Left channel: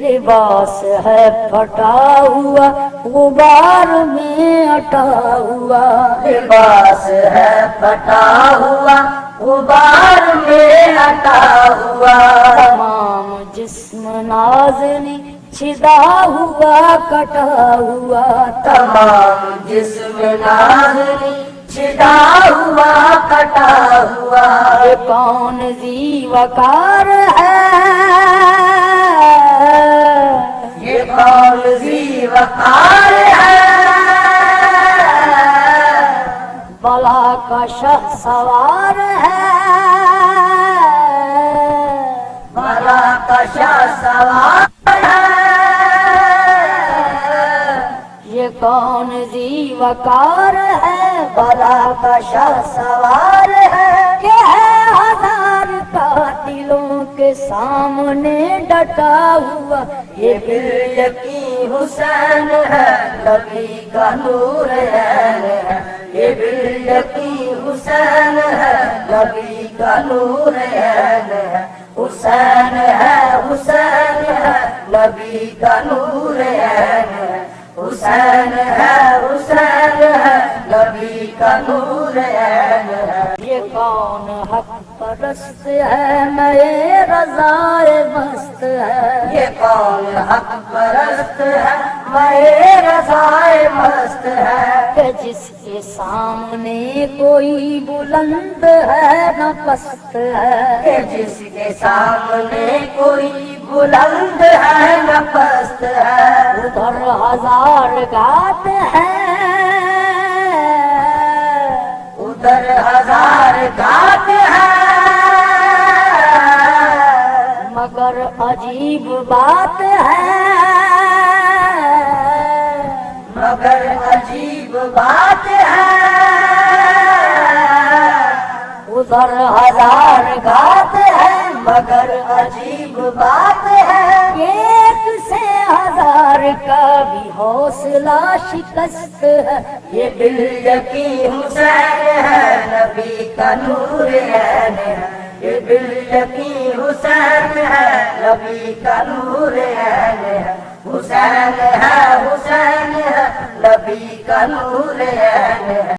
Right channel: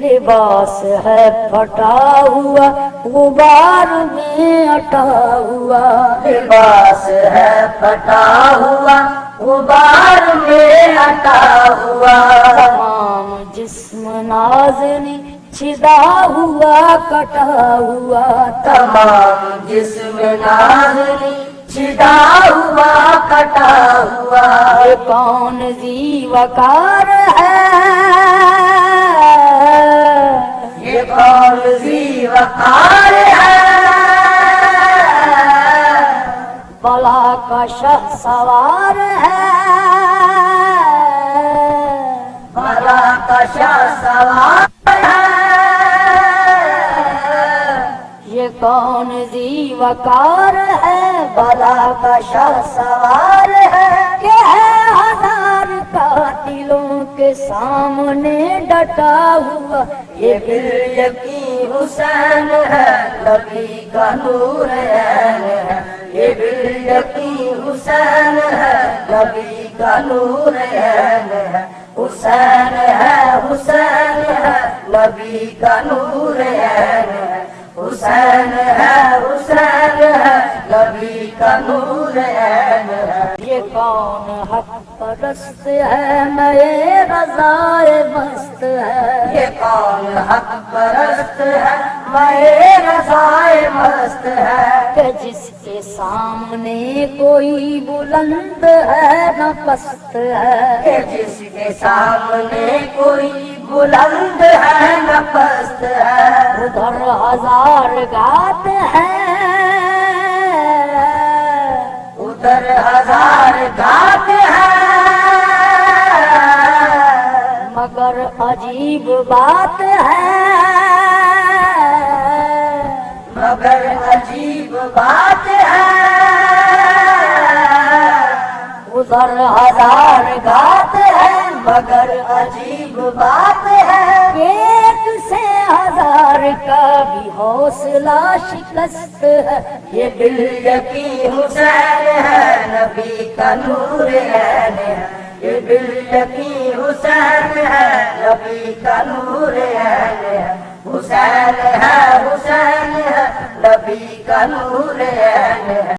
لباس ہے پھٹا ہوا غبار میں اٹا ہوا، لباس ہے پھٹا ہوا غبار میں اٹا ہوا، تمام جسم نازنی چھدا ہوا کٹا ہوا، تمام جسم نازنی چھدا ہوا کٹا ہوا، یہ کون ذی وقار ہے، یہ کون ذی وقار ہے، بلا کا شہ سوار ہے، بلا کا شاہ سوار ہے، یہ کون ذی وقار ہے، بلا کا شہ سوار ہے، کہ ہے ہزار قاتلوں کے سامنے ڈٹا ہوا، یہ دل یقین حسین ہے، نبی کا نور ہے، یہ دل یقین حسین ہے، نبی کا نور ہے، حسین ہے، حسین ہے، نبی کا نور ہے، حسین ہے، حسین ہے، نبی کا نور ہے، یہ کون حق پرست ہے، میں رضائے مست ہے، یہ کون حق پرست ہے، میں رضائے مست ہے، کہ جس کے سامنے کوئی بلند ہے نہ پست ہے، کہ جس کے سامنے کوئی بلند ہے نہ پست ہے، ادھر ہزار گات ہے، ادھر ہزار گات ہے، مگر عجیب بات ہے، مگر عجیب بات ہے، ادھر ہزار گات ہے، مگر عجیب بات ہے، ایک سے ہزار کا بھی حوصلہ شکست ہے، یہ دل یقین حسین ہے، نبی کا نور ہے، یہ دل یقین حسین ہے، نبی کا نور ہے، حسین ہے، حسین ہے، نبی کا نور ہے۔